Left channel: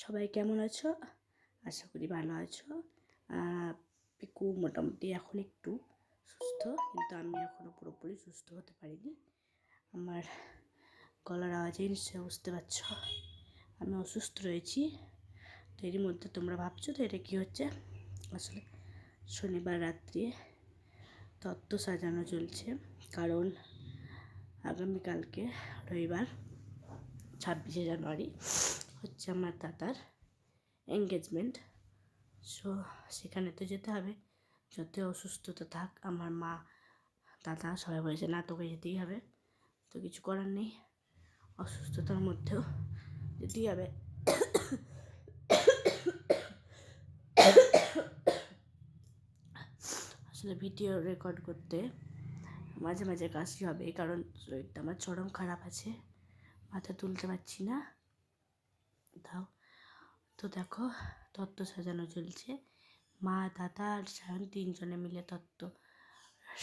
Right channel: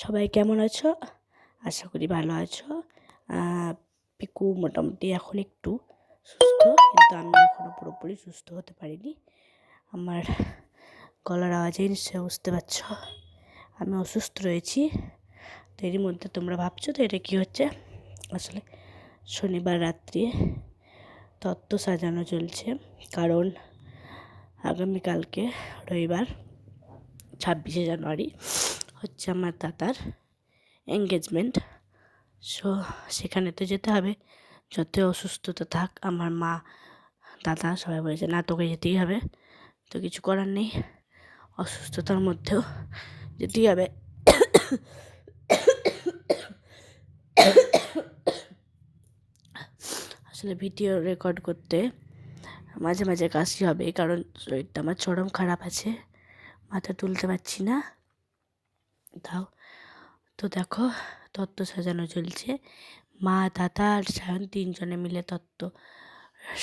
সবাই কেমন আছো? আশা করি ভালো আছো। পিকু মোটামুটি এখন একটু সুস্থ, কিন্তু আমি এখনও পুরোপুরি সুস্থ হতে পারিনি। আমার গলার আওয়াজেই নিশ্চয়ই বুঝতে পারছ আমি অসুস্থ রয়েছি। তো এরই মধ্যে তোমরা ভাবছো তো এটা কী হচ্ছে। আসলে শনিবার রাত্রে তত্ত্ব সাজানো চলছে, কারণ আগামীকালকে রবিবার 26শে জানুয়ারি হচ্ছে আমার দাদার এঙ্গেজমেন্ট। সেখানে তো যেতে হবে, যতই অসুস্থতা থাক। আমার মা, দাদা সবাই বলেছে না তোকে যেতেই হবে। তো কিছু করার নেই, অসুস্থতার মধ্যেও যেতেই হবে। আসলে ভিডিও রেকর্ড করতে মাঝে মাঝে কাশি হবে, কারণ শরীরটা আমার চরম খারাপ আছে, মাথা তুলতে পারছি না। তাও তো দেখো, তত্ত্ব সাজানো চলছে। মা, দাদা আর সায়ন তিনজনে মিলে তত্ত্ব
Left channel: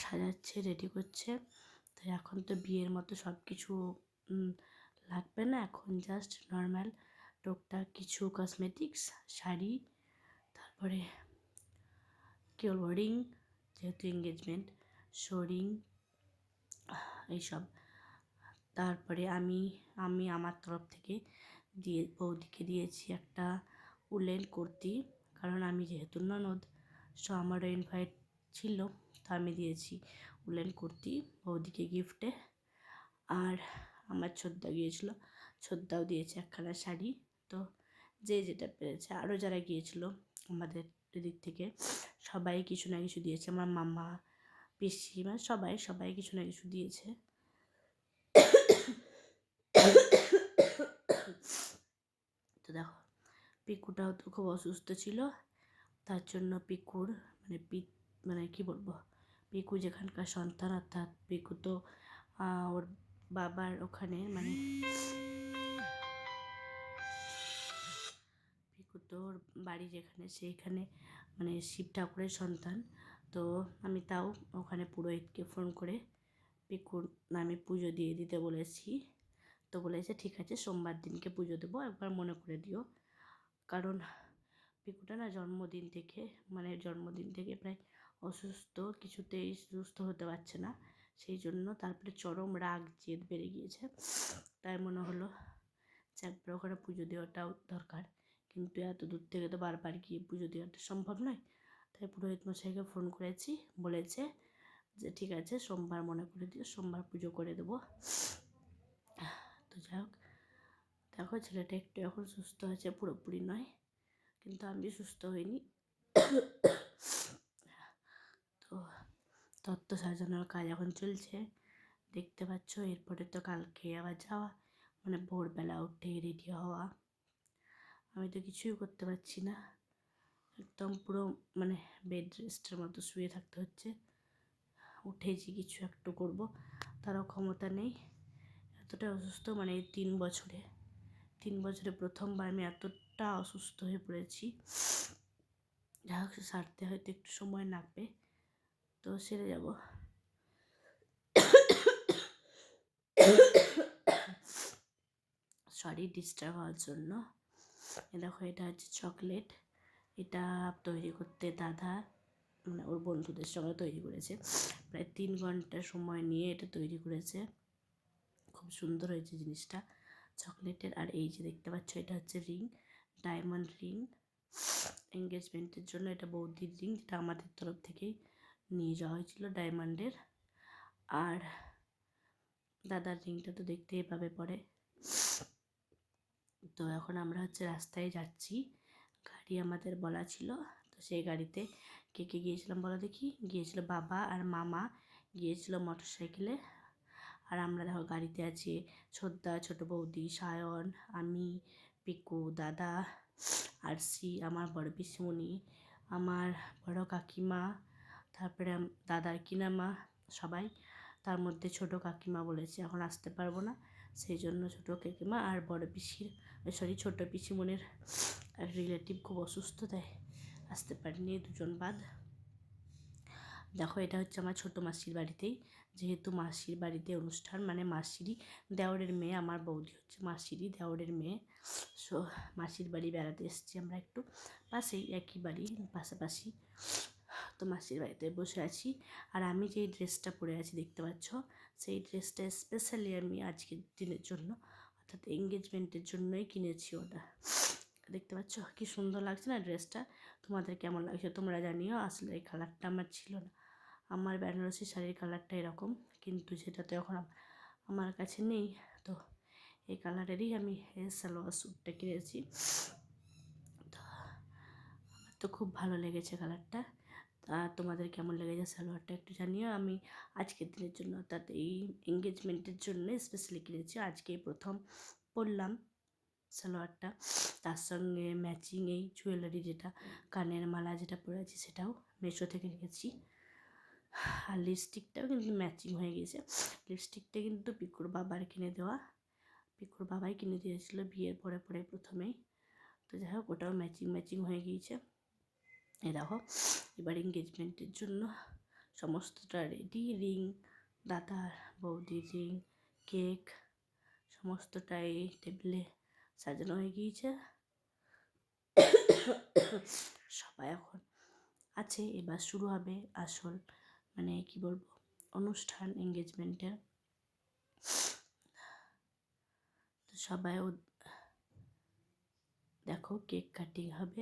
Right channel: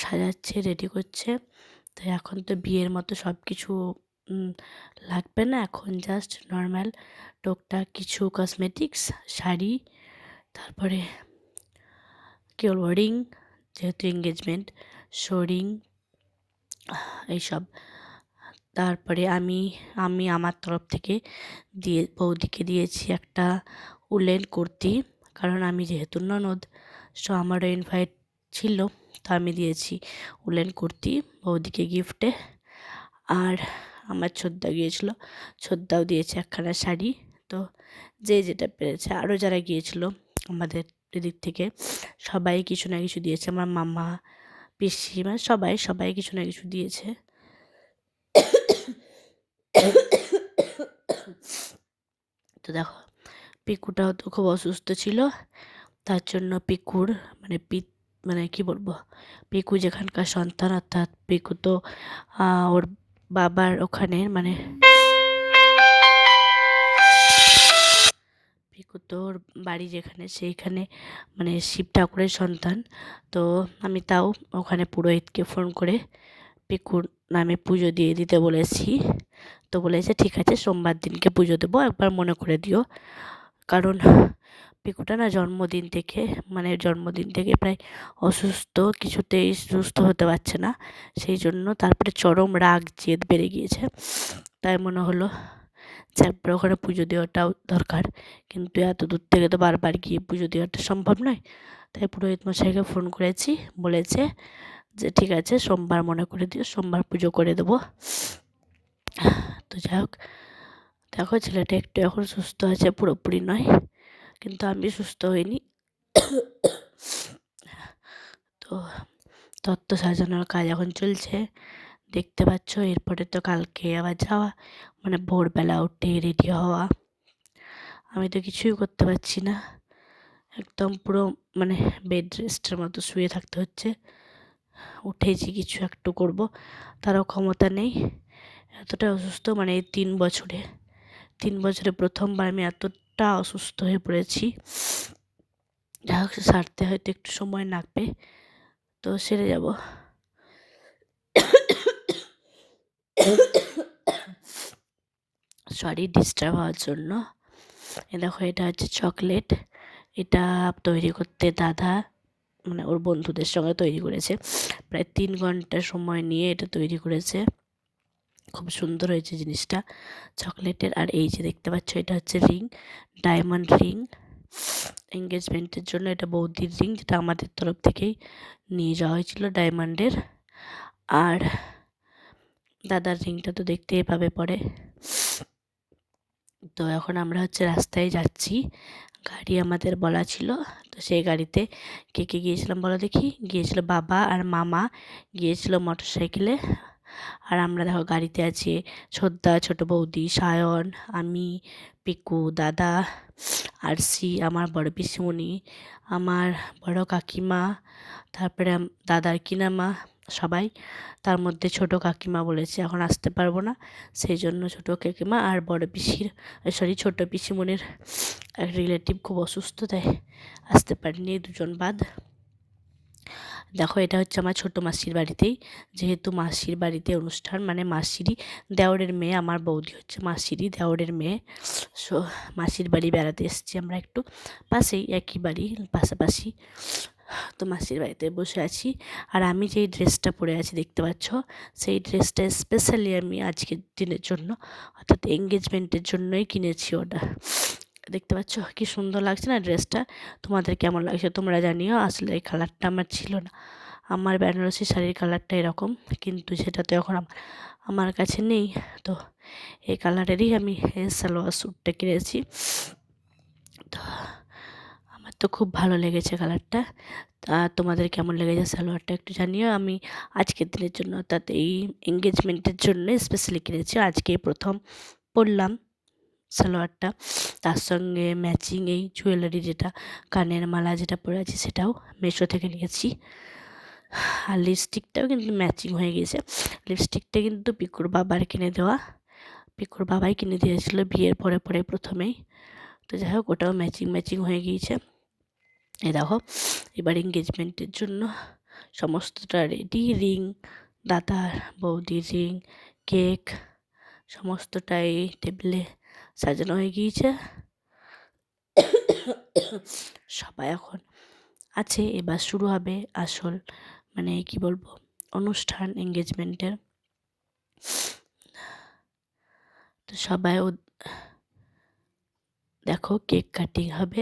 সাজাচ্ছে, রেডি করছে। তো এখন তো বিয়ের মতো সব কিছু লাগবে না, এখন জাস্ট নর্মাল টুকটাক কিছু কসমেটিক্স, শাড়ি, তারপরে কী বলবো, রিং, যেহেতু এঙ্গেজমেন্ট, রিং, এইসব। তারপরে আমি আমার তরফ থেকে বৌদিকে দিয়েছি একটা উলেন কুর্তি, কারণ আমি যেহেতু ননদ, আমারও ইনভাইট ছিল, তো আমি দিয়েছি উলেন কুর্তি বৌদিকে গিফটে। আর আমার ছোদ্দা গিয়েছিল, ছোদ্দাও দিয়েছে একখানা শাড়ি। তো যে যেটা পেরেছে, আরও যারা গিয়েছিল আমাদের এদিক থেকে সবাই কিছু না কিছু দিয়েছে। আমার মামা, পিসি, মানে সবাই কিছু না কিছু দিয়েছে। তো দেখো, পিকুটাও তো খুব অসুস্থ ছিল, তার জন্য পিকুর মানে কি বলবো, পিকু যেখানকার সন্তান, অর্থাৎ পিকু তো ওর বাবার ওখানে, মানে পিকু তো ওর বাড়ি যেখানে, সেইখানে মানে শিব ঠাকুরের সন্তান। তো আমি তাও ওখানে পুরোহিতকে ফোন করে পিকুর নামে পুজো দিয়ে দিতে বলেছি। তো বলেছে ঠিক আছে, সোমবার দিনকে পুজো দেবো, একবার মনে করে দিও। কারণ পিকুটা না জন্মদিন থেকে প্রায় অসুস্থ, কিছুতেই সুস্থ হতে পারছে না। সেই জন্য তারপরে চরম রাগ জেদ বেড়ে গিয়েছে। তাই মনে হলো যে একবার ওখানে পুজো দেওয়াটাও দরকার, কিন্তু এত দূর থেকে তো বারবার গিয়ে পুজো দেওয়াটা সম্ভব নয়। তাই পুরোহিত মশাইকে ফোন করেছি, বলেছে যে ঠিক আছে সোমবার মনে করে দিও, সোমবার পুজো করে দেবো। তো যাই হোক, দেখো ছেলেটা একটু এখন সুস্থ আছে, পুরোপুরি নয়, কিন্তু আমি সুস্থ হইনি। তো তত্ত্ব সাজানোর কাজ এখন চলছে, দেখতে পাচ্ছ। এরপরে তো কালকে আবার যাওয়া, মানে ভোরবেলা উঠে রেডি হওয়া। আমি তো কিছুই করতে পারছি না, একদম পুরো মানে বেড রেস্টের মতো শুয়ে থাকতে হচ্ছে। উঠেছি কিছু একটু করব, তারও ক্ষমতা নেই, এতটা অসুস্থ। মানে এই 3 বছরে প্রথমবার আমি এতটা অসুস্থ হয়ে পড়েছি। যা হোক, সারতে হয়তো একটু সময় লাগবে, তো সেরে যাব। সরি ডিস্টার্ব হওয়ার জন্য। দেখো, এটা হচ্ছে চকলেট। এটা তৈরি করতে দাদা, মানে ওর বন্ধুদের সঙ্গে তৈরি করেছে, প্রায় 3 ঘন্টা সময় নিয়ে এটা তৈরি করেছে। খুব সুন্দর হয়েছে জিনিসটা চকলেটের। আর এই যে দেখতে পাচ্ছ, এটা হচ্ছে রিং, ডায়মন্ড রিং, এঙ্গেজমেন্টের জন্য। এটা বৌদির রিং, যেটা আমাদের তরফ থেকেই নিয়ে যাওয়া হয়েছিল ডায়মন্ডের। আর দাদার রিংটা তো দেখতেই পাবে পরে। তো এখন আমরা হচ্ছে রাস্তায় যাচ্ছি, গাড়ি আমাদের বলা ছিল, তো সেই গাড়িতে কে কে গিয়েছিলাম বলো দেখি। গিয়েছিল বাবা আর মামা, গিয়েছিল মোটর সাইকেলে। আর আমরা দেখো গাড়িতে আছি, ছোদ্দা, ছোটো বৌদি, সায়ন, আমি, পিকু, দাদা, আরসি, আমার বড় পিসিমণি, আমার বড় কাকিমা, তারপরে দাদার কিনামা, সবাই। তার মধ্যে ছোট কাকিমা বলেছে এখন আসতে পারবো না, সেই জন্য ছোট কাকিমা আর বড় পিসির, ছোট পিসিমণির এক রিলেটিভ খুব অসুস্থ, তাই আসতে পারিনি, 2জন বাদ। দেখো এটা হচ্ছে আমার ছোটো মাসির বাড়িতেই, যেহেতু মাসির বাড়িতে অনুষ্ঠান, মানে মাসিরই দেওরের মেয়ে, আমার বৌদি হচ্ছে মাসিরই দেওরের মেয়ে। সো মাসির বাড়ি বেড়াতে এসেছি আমরা, একটু পাশেই, একই বাড়ি, পাশাপাশি। তো মাসির বাড়িতে বসে আছি। আর আমি যেই ড্রেসটা পরে আছি দেখতে পাচ্ছ, সেই ড্রেসটা স্পেশালি আমি আজকের দিনের জন্য, অর্থাৎ এঙ্গেজমেন্টের জন্যই কিনেছি ওটা। দেখতে পাচ্ছ কি সুন্দর লাগছে না ড্রেসটা? তোমাদের কেমন লাগছে তোমরা জানিও। আসলে এই কালারটা আমার ছিল না, আমার বেনারসি শাড়ির কালারটা এরকম, কিন্তু সেটা তো এখন আমার কাছে নেই। তো এই কালারেরই আমি এই সালোয়ার স্যুটটা কিনেছি। তো আমার তো খুব ভালো লেগেছে কালারটা। তা তোমাদের কেমন লেগেছে সালোয়ারটা একটু জানিও। আমি আজকের দিনের জন্য, অর্থাৎ এই এঙ্গেজমেন্টের জন্য স্পেশালি কিনেছি, আজকেই প্রথম পরলাম সালোয়ারটা। তার সঙ্গে ম্যাচিং এই জুয়েলারি, যেটা কানের মালা যেটা পরে আছি, সেটাও মেশো থেকে নিয়েছি। আর লিপস্টিকটাও কিন্তু ম্যাচিং হয়ে গিয়েছে। লিপস্টিকটা কিন্তু পিকুর বাবার কিনে দেওয়া, পিকুর বাবাই কিনে দিয়েছিল বিয়ের পরে পরে প্রথমেই। তো যাই হোক, ওটাও ম্যাচিং ম্যাচিং হয়ে গিয়েছে। এই দেখো, এবার এঙ্গেজমেন্টের জন্য সমস্তটা রেডি। রিং, দাদার বৌদির রিং, কেক, সমস্তটাই টেবিলে সাজানো হয়ে গিয়েছে। সবাই এখন আছে, এবার শুরু হবে আসল, মানে কি বলবো, অনুষ্ঠান এঙ্গেজমেন্টের। তো সবাই দেখো কেক কাটিং হবে।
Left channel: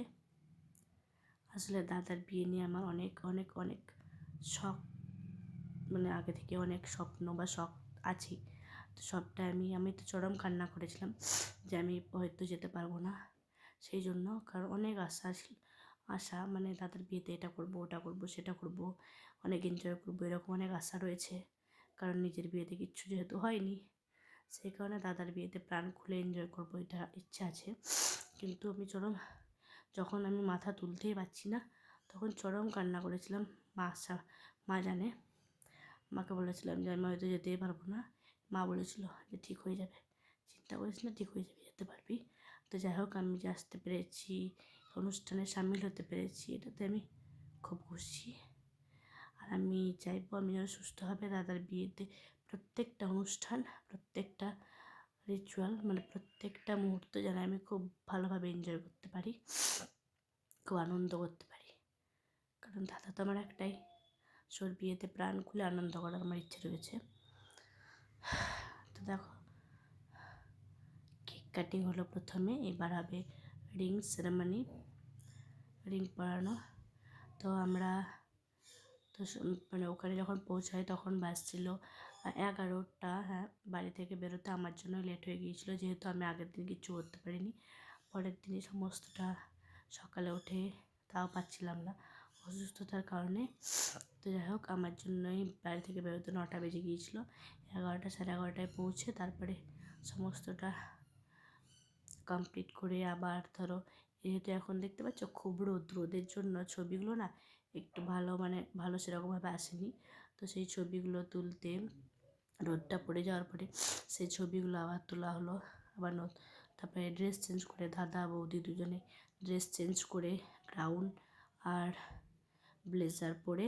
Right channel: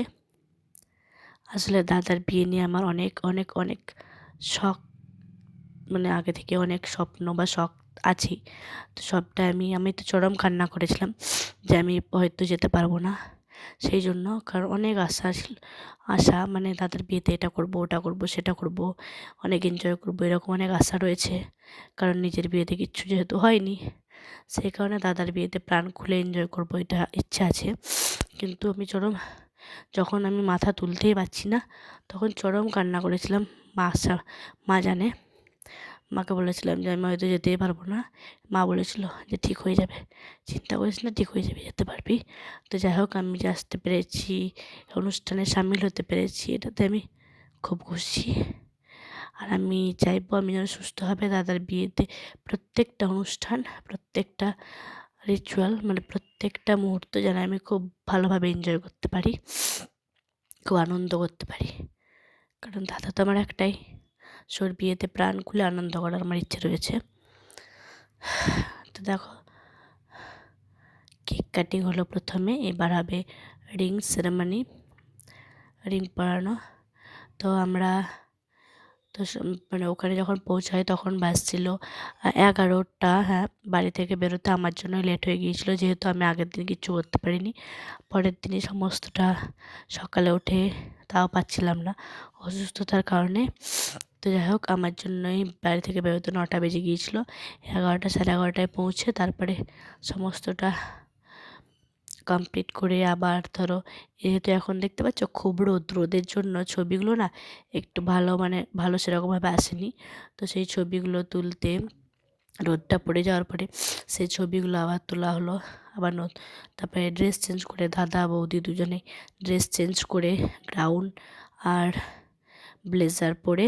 আসলে দাদার বিয়ে নিয়ে আমার অনেক অনেক অনেক শখ, মানে আগে থেকে অনেক স্বপ্ন বা শখ আছেই। তো সবটা আমি তো চরম কান্না করেছিলাম যে আমি হয়তো যেতে পারবো না, সেই জন্য। কারণ অনেক আশা ছিল, আশা মানে দাদার বিয়েতে এটা করব, ওটা করব, সেটা করব, অনেক এনজয় করব, এরকম অনেক আশা রয়েছে। কারণ নিজের বিয়েতে কিচ্ছু যেহেতু হয়নি, সেই কারণে দাদার বিয়েতে প্রাণ খুলে এনজয় করব, এটা ইচ্ছা আছে। কিন্তু আমি যখন আমি মাথা তুলতেই পারছি না, তখন চরম কান্না করেছিলাম। মা জানে, মাকে বলেছিলাম যে আমি হয়তো যেতেই পারবো না। মা বলেছিল যে ঠিক হয়ে যাবে, চিন্তা করিস না, ঠিক হয়ে যাবে, যেতে পারবি। তো যাই হোক, আমি যে আসতে পেরেছি, অনুষ্ঠানে সামিল হতে পেরেছি, এটাতে আমি খুব খুশি। আর আমি চাইবো আমি যেন সুস্থভাবে দাদার বিয়েতে প্রত্যেকটা অনুষ্ঠান, প্রত্যেকটা রিচুয়াল, মানে প্রত্যেকটা মুহূর্ত যেন আমি খুব ভালোভাবে এনজয় করতে পারি, খুব আনন্দ করতে পারি। কারণ দাদা তো আমার একটাই, সোর বিয়েতে প্রাণ খুলে আনন্দ করার আমার ইচ্ছে রয়েছে। তো দেখো, কেক কাটিং হলো প্রথমে, এবার হবে রিং সেরেমনি, রিং পরানো। তো আমরা তো মানে ওখানে যখন পৌঁছাই তখন বাজছিল 11টা। হ্যাঁ, বাড়ি থেকে বেরোতে আমার জন্য লেট হয়ে গিয়েছিলো, যেহেতু আমি আগের দিন কিচ্ছু করতে পারিনি। পরের দিনই সমস্তটা সকালে উঠে, তাও পাচ্ছিলাম না অসুস্থতার কারণে। তো যাই হোক, আমার জন্যই বাড়ি থেকে বেরোতে 9টা বেজে গিয়েছিলো। 11টা, সাড়ে 11টায় পৌঁছে তারপরে সমস্তটা কমপ্লিট করে আবার ধরো, যেহেতু এখন দেখতে পাচ্ছ খুব রোদের জন্য ছবিগুলো না একটু ভালো, মানে ভালো সেরকমভাবে আসেনি। তো সেই ছবিগুলো তুলতে রোদটা পড়ে যাওয়ার পরে সেই ছবিগুলো আবার তোলা হলো। আবার তারপরে ড্রেস চেঞ্জ করে, দাদা বৌদি দুজনে ড্রেস চেঞ্জ করে গাউন আর ব্লেজার পরে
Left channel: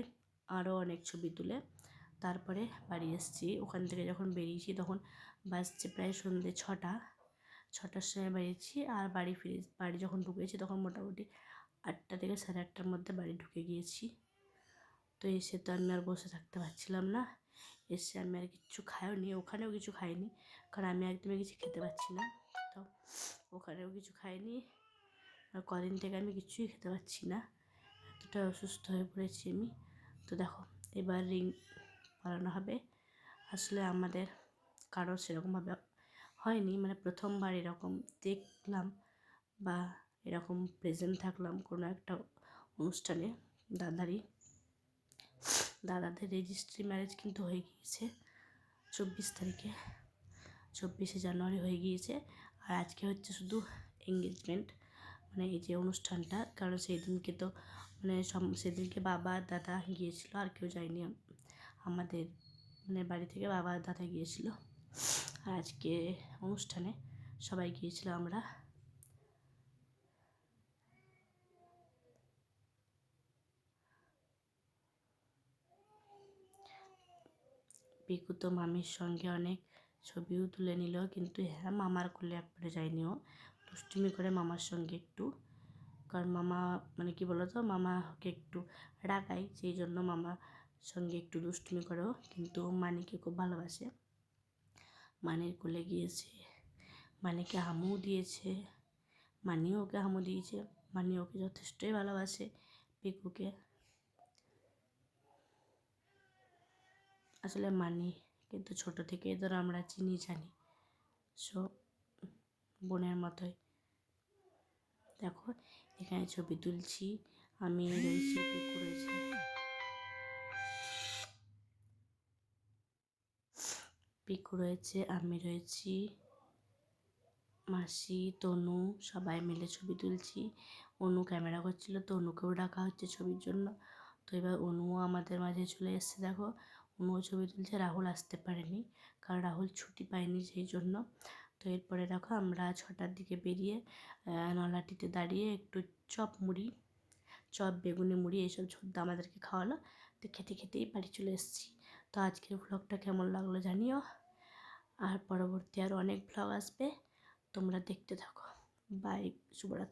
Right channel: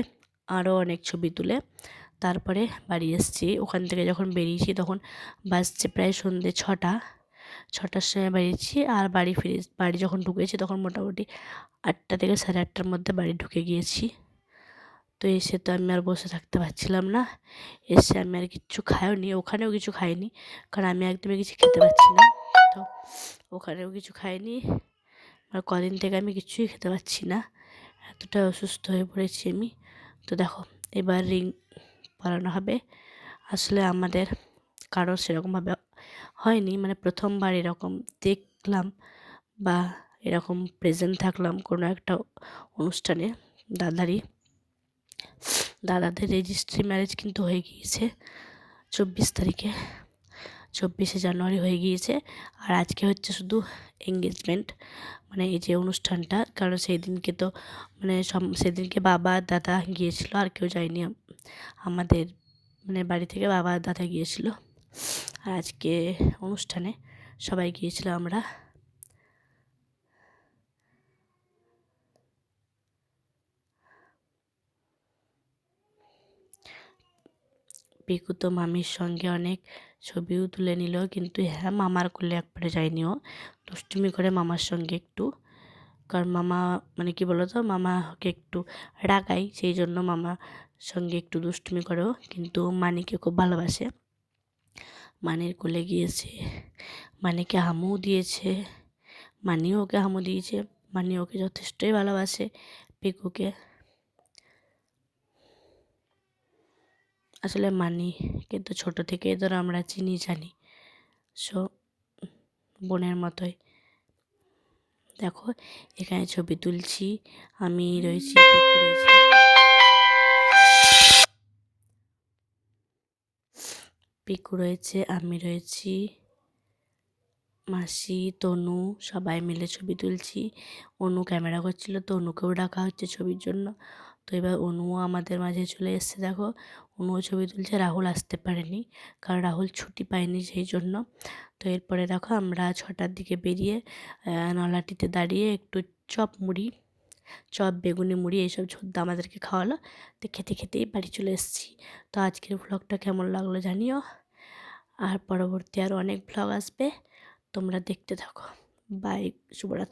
আরও অনেক ছবি তুলে তারপরে বাড়ি এসেছি। ওখান থেকে যখন বেরিয়েছি তখন বাজছে প্রায় সন্ধ্যে 6টার সময় বেরিয়েছি। আর বাড়ি যখন ঢুকেছি তখন মোটামুটি 8টা থেকে সাড়ে 8টার মধ্যে বাড়ি ঢুকে গিয়েছি। তো এসে তো আমি আর বসে থাকতে পারছিলাম না, এসে আমি আর কিচ্ছু খাইওনি, ওখানেও কিছু খাইনি, কারণ আমি একদমই কিছু খেতে পারছি না। তো ওখানেও কিছু খাইনি, আর কদিন থেকে আমি কিছুই খেতে পারছি না, এতটা অসুস্থ হয়ে পড়েছি আমি। তো দেখো, এবার রিং পরানো হবে। আসলে আমাদের কারো সেরকমভাবে হয়নি, মানে প্রথমবার এরকম দেখলাম বা এরকম প্রেজেন্ট থাকলাম কোনো একটা অনুষ্ঠানে। দাদাদের রেজিস্ট্রি ম্যারেজ কিন্তু হয়ে গিয়েছে 24 তারিখে, 24শে জানুয়ারি হয়ে গিয়েছে। আর আজকে হচ্ছে শুধু এঙ্গেজমেন্ট, মানে এই যে অনুষ্ঠানটা। কারণ সেই দিনকে তো মানে সেদিনকে বাবা দাদা গিয়েছিল, আর কেউ যায়নি আমাদের, মানে বাড়ি থেকে বাবা দাদা গিয়েছিল। আর আজকে অনুষ্ঠানে সবাই গিয়েছিল আমরা। পিকু তো মামির সঙ্গে অনেক ছবিও তুলে নিল, কিন্তু হ্যাঁ মামার কোলে একবারে যায়নি, ও দুষ্টুমি করে মামার সঙ্গে একটু, কারণ মামা মানে কি বলো তো, মামাকে একটু রাগায়, সেই জন্য মামার সঙ্গে একটু দুষ্টুমি করেও, কিন্তু মানিকে খুব ভালোবাসে। মানির কোলে গিয়েছে, মানিকে হামুও দিয়েছে, মানিও ওকে হামু দিয়েছে। মানি ওকে যথেষ্টই ভালোবাসে পিকুকে। আসলে মানি কিন্তু ছোট থেকেই ধরো আমরা চিনি জানি, সো বোনের মতোই। দেখো এখানে ছবি তুলছি, আমি রয়েছি, পিকু রয়েছে, আমি রয়েছি, মাসি, তনু, সবাই মিলে ছবি তুলছি। অনু ক্যামেরা করছিল, তো অনুকেও ডাকা হচ্ছে ছবির জন্য। তো এবার অনুও আমাদের মাঝে চলে এসছে, দেখো অনুও ছবি তুলছে। রাহুল আসতে পারেনি, কারণ রাহুল ছুটি পায়নি সেই জন্য। তো এরপরে দেখো আমরা 6টার দিকে বেরিয়ে নলাটিতে দাঁড়িয়ে একটু চপ বেগুনি মুড়ি এইসব ঝোদ্দা আমাদেরকে খাওয়ালো। তো খেতে খেতেই বাড়ি চলে এসেছি। তো আজকের ভ্লগটা কেমন লাগলো জানিও, আর পরবর্তী আরও অনেক ভ্লগ আসবে, তোমরা দেখতে থাকো। বাই, শুভরাত্রি।